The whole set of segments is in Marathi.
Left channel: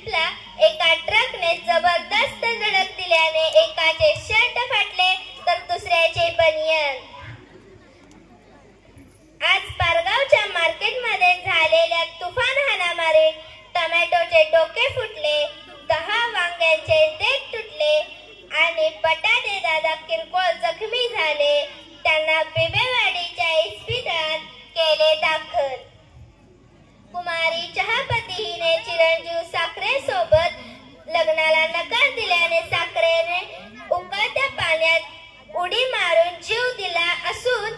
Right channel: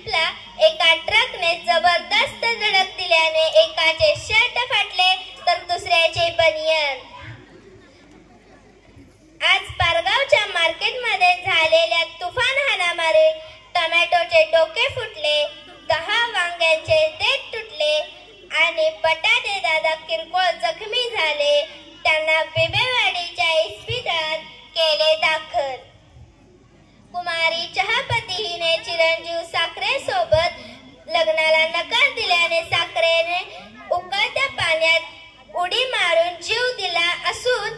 शिंपला एका ट्रकने जबरदस्त धडक दिल्याने एकाचे शर्ट फाटले तर दुसऱ्याचे बनियान। आज पारगावच्या मार्केटमध्ये झालेल्या तुफान हाणामारीत टोमॅटोचे डोके फुटले, 10 वांग्यांचे देठ तुटले आणि बटाटे दादा किरकोळ जखमी झाले। त्यांना बेबेवाडीच्या इस्पितळात केले दाखल। कुमारी चहापती हिने चिरंजीव साखरे सोबत लग्नाला नकार दिल्याने साखरेने उकळत्या पाण्यात उडी मारून जीव दिला असून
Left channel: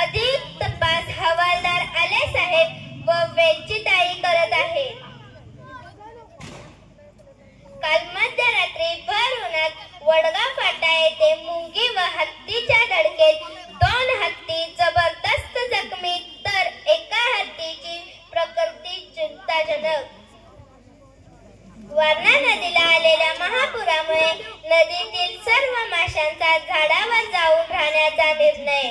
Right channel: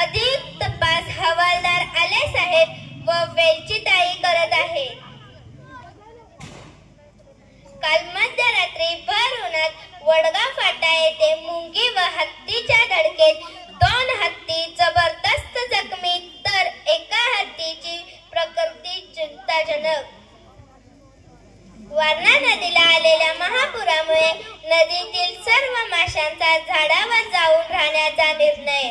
अधिक तपास हवालदार आले साहेब व वेलचीताई करत आहे। काल मध्यरात्री भर उन्हात वडगाव फाटा येथे मुंगी व हत्तीच्या धडकेत 2 हत्ती जबरदस्त जखमी तर एका हत्तीची प्रकृती चिंताजनक। वारणा नदीला आलेल्या महापुरामुळे नदीतील सर्व माशांचा झाडावर जाऊन राहण्याचा निर्णय।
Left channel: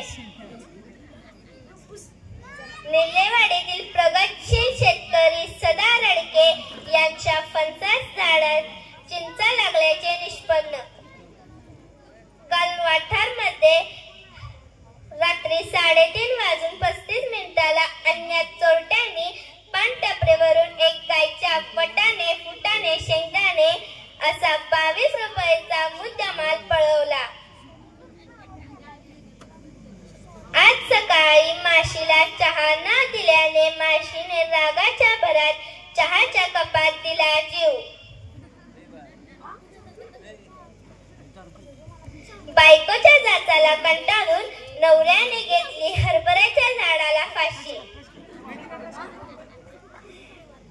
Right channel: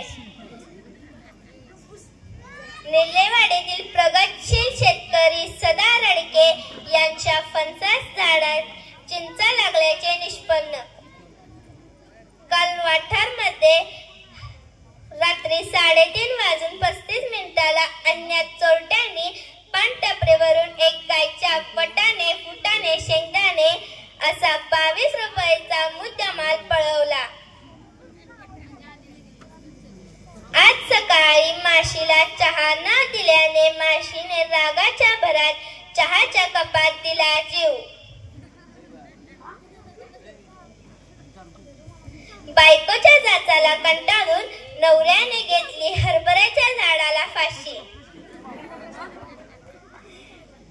निल्लेवाडीतील प्रगतशील शेतकरी सदा रडके यांच्या फणसाच्या झाडात चिंचा लागल्याचे निष्पन्न। काल वाठारमध्ये रात्री 3:35 अज्ञात चोरट्यांनी पानटपरीवरून एक गायच्या वटाणे, फुटाणे, शेंगदाणे असा 22 रुपयाचा मुद्देमाल पळवला। आज सकाळी माशीला चहा न दिल्याने माशीने रागाच्या भरात चहाच्या कपात दिला जीव। बायकोच्या जाचाला कंटाळून नवऱ्याने घेतली हरभऱ्याच्या झाडाला फाशी।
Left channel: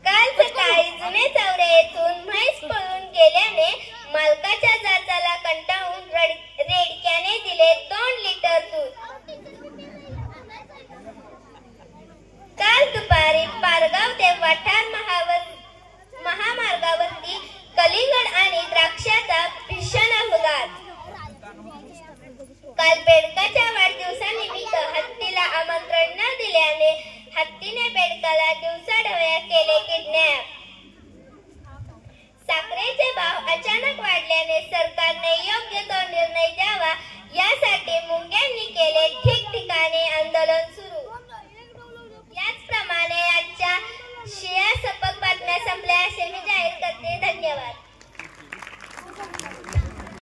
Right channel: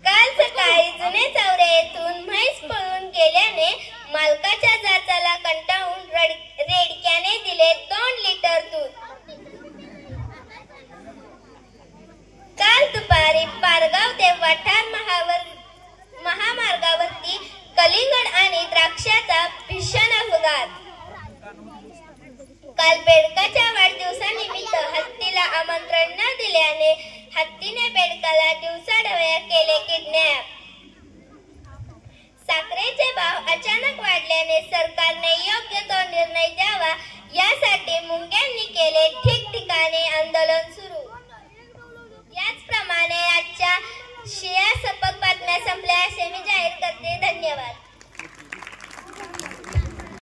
काल सकाळी जुने चौरे येथून म्हैस पळून गेल्याने मालकाच्या जाचाला कंटाळून रेडक्याने दिले 2 लिटर दूध। काल दुपारी पारगाव ते वाठार महामार्गावरती कलिंगड आणि द्राक्षाचा भीषण अपघात। काल बेडकाच्या वाढदिवसानिमित्त हत्तीला आमंत्रण न दिल्याने हत्तीने बेडकाला दिवसाढवळ्या केले किडनॅप। साखरेचे भाव अचानक वाढल्याने सरकार